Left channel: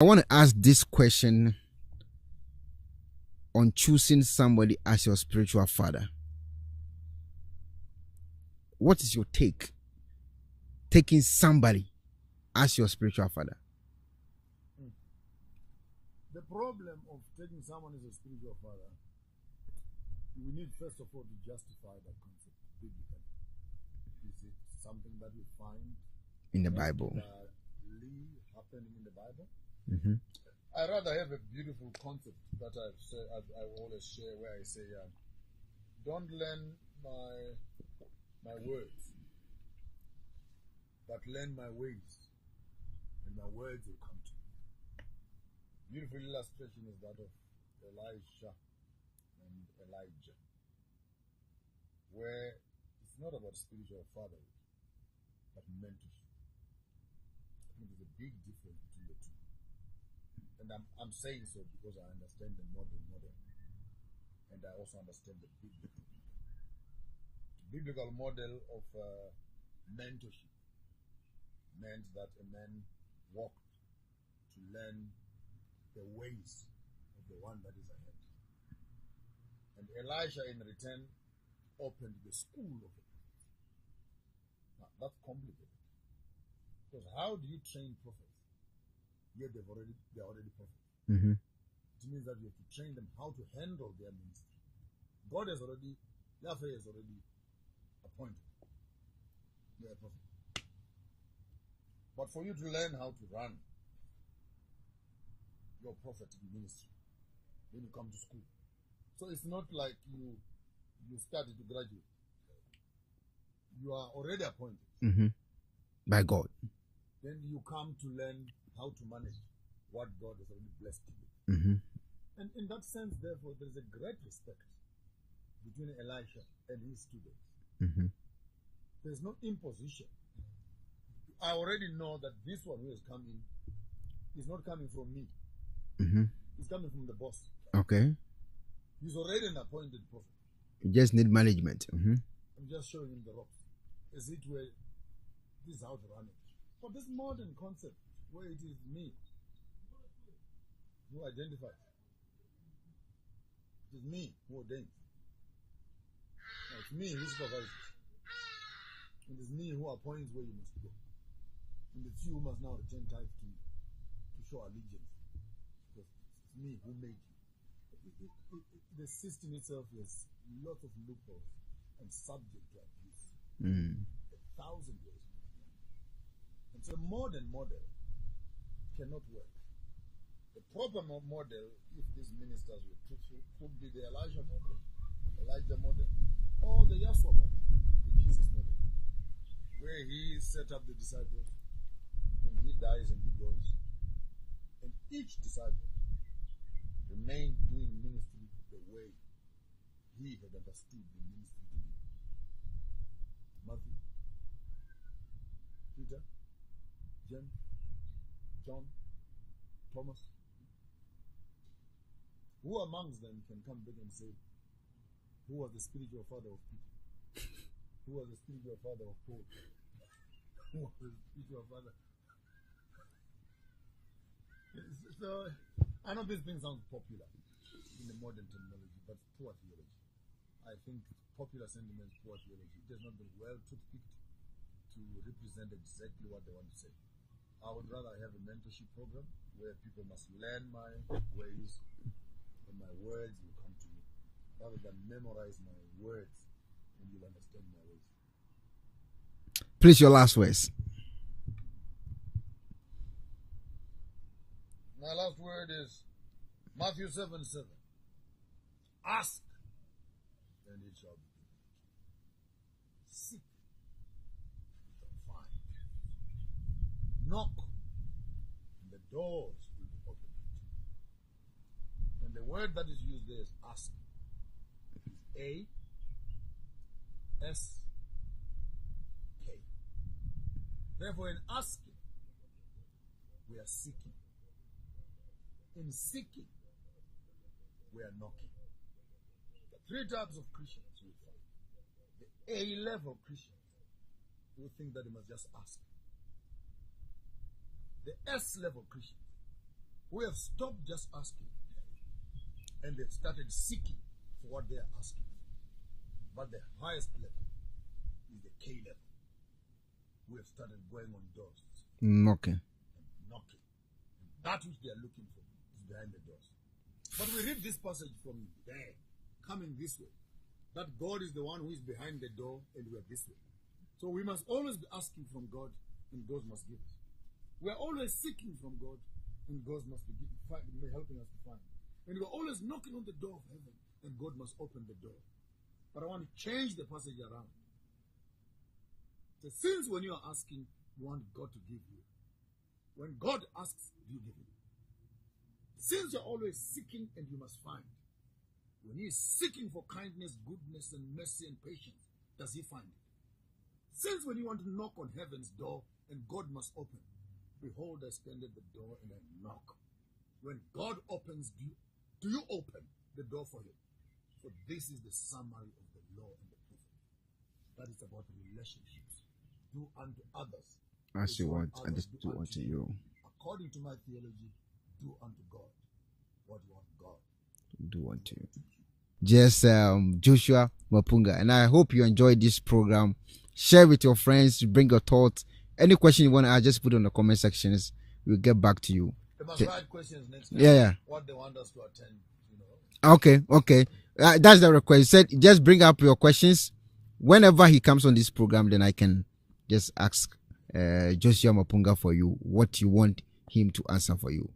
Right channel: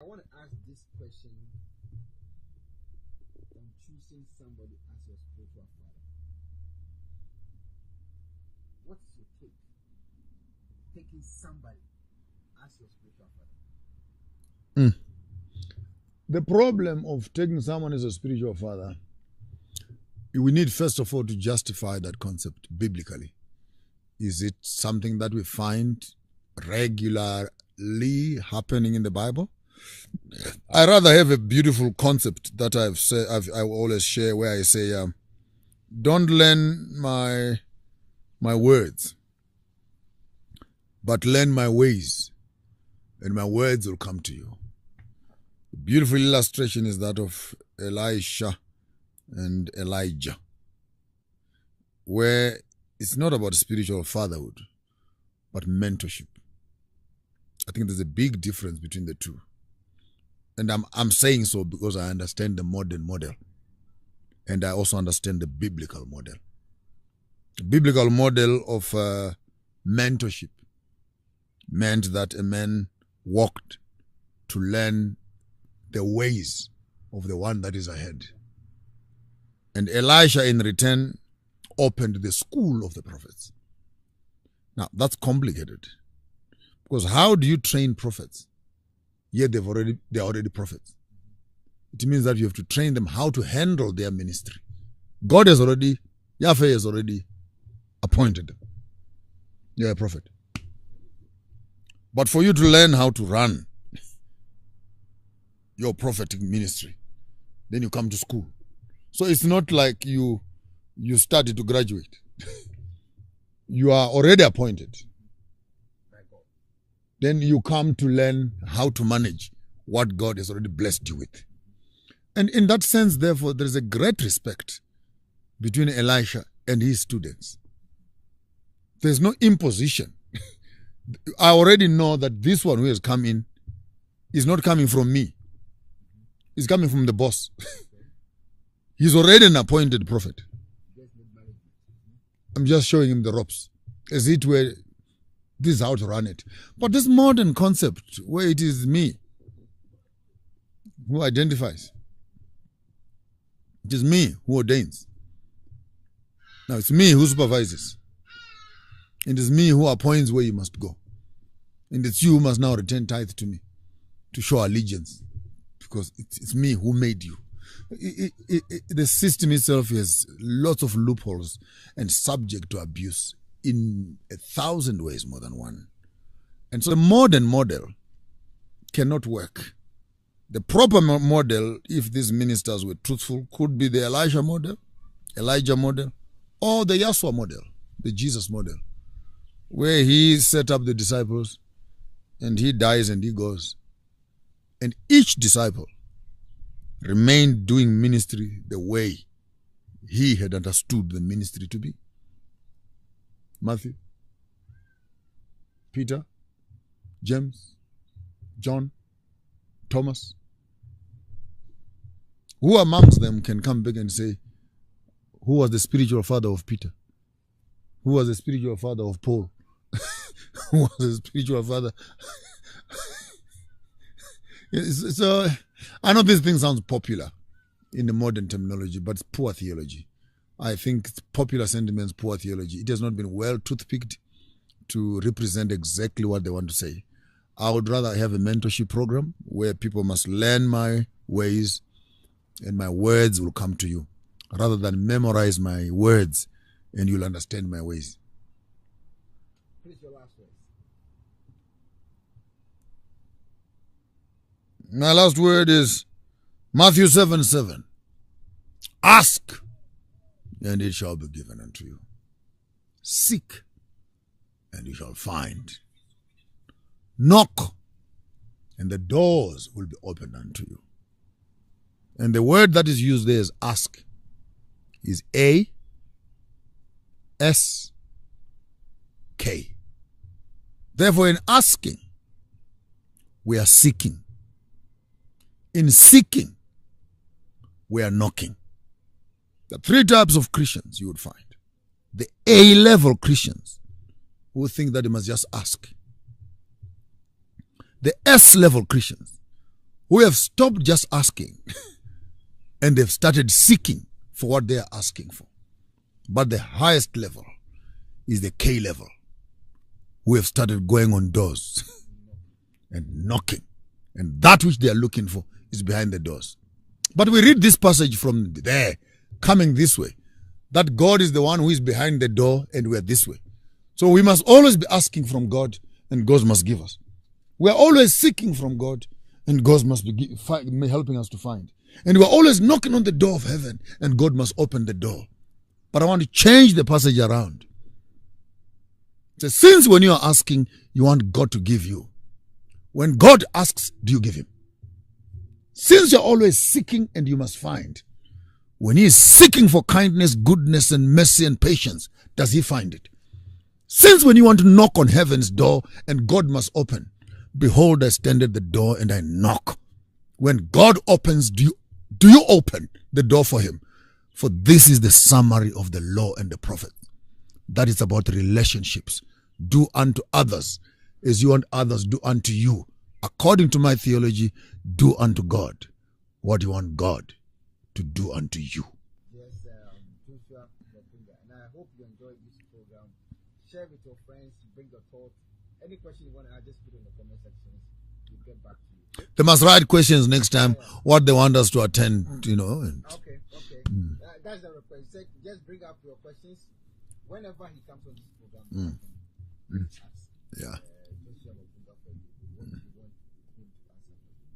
I want to ask this question on choosing somebody as your spiritual father. What is your take? Taking somebody as your spiritual father. The problem of taking someone as a spiritual father, we need first of all to justify that concept biblically. Is it something that we find regularly happening in the Bible? Mm-hmm. I rather have a beautiful concept that I always share, where I say, don't learn my words, but learn my ways, and my words will come to you. The beautiful illustration is that of Elisha and Elijah, where it's not about spiritual fatherhood, but mentorship. I think there's a big difference between the two. And I'm saying so because I understand the modern model. And I also understand the biblical model. The biblical model of mentorship meant that a man walked to learn the ways of the one that is ahead. And Elisha, in return, opened the school of the prophets. Now, that's complicated. Because how do you train prophets? Yet they're already prophets. Mm-hmm. It means that you have to train them how to handle their ministry. Yahweh has already appointed them. You're a prophet. But for you to learn how to run your prophetic ministry, then you come to school. So it's not like you started to graduate. You are already appointed by God. Then you come to learn how to manage what God has already blessed you with. Mm-hmm. And in that sense, therefore, there is a great respect between Elisha and his students. Mm-hmm. There's no imposition. I already know that this one who has come in is not coming from me. Mm-hmm. He's coming from the boss. Okay. He's already an appointed prophet. You just need management. Mm-hmm. I'm just showing him the ropes. As it were, this is how to run it. But this modern concept where it is me who identifies, it is me who ordains. Now it's me who supervises. It is me who appoints where you must go. And it's you who must now return tithe to me to show allegiance, because it's me who made you. The system itself has lots of loopholes and subject to abuse in 1,000 ways, more than one. And so the modern model cannot work. The proper model, if these ministers were truthful, could be the Elijah model, or the Yahshua model, the Jesus model, where he set up the disciples and he dies and he goes. And each disciple remained doing ministry the way he had understood the ministry to be. Matthew, Peter, James, John, Thomas. Who amongst them can come back and say, who was the spiritual father of Peter? Who was the spiritual father of Paul? Who was the spiritual father? So, I know this thing sounds popular in the modern terminology, but it's poor theology. I think it's popular sentiments, poor theology. It has not been well toothpicked to represent exactly what they want to say. I would rather have a mentorship program where people must learn my ways and my words will come to you, rather than memorize my words and you'll understand my ways. Please, your last words. My last word is Matthew 7:7. Ask, and it shall be given unto you. Seek, and you shall find. Knock, and the doors will be opened unto you. And the word that is used there is ask, is A-S-K. Therefore, in asking, we are seeking. In seeking, we are knocking. There are three types of Christians you would find. The A-level Christians who think that they must just ask. The S-level Christians who have stopped just asking and they've started seeking for what they are asking for. But the highest level is the K level, who have started going on doors Knocking. and knocking. And that which they are looking for is behind the doors. But we read this passage from there, coming this way, that God is the one who is behind the door and we are this way. So we must always be asking from God and God must give us. We are always seeking from God and God must be helping us to find. And we are always knocking on the door of heaven and God must open the door. But I want to change the passage around. It says, since when you are asking, you want God to give you. When God asks, do you give him? Since you're always seeking and you must find. When he is seeking for kindness, goodness, and mercy and patience, does he find it? Since when you want to knock on heaven's door and God must open, behold, I stand at the door and I knock. When God opens, do you open the door for him? For this is the summary of the law and the prophet. That is about relationships. Do unto others as you want others do unto you. According to my theology, do unto God what you want God to do unto you. Just Joshua Mapunga. And I hope you enjoyed this program. Share with your friends, bring your thoughts. Any question you want to ask, just put it in the comment sections. We'll get back to you. They must write questions next time. Yeah. What they want us to attend, Okay. That's the request. He said, just bring up your questions. Whenever he comes on this program, then I can just ask Joshua Mapunga for you what you want him to answer for you.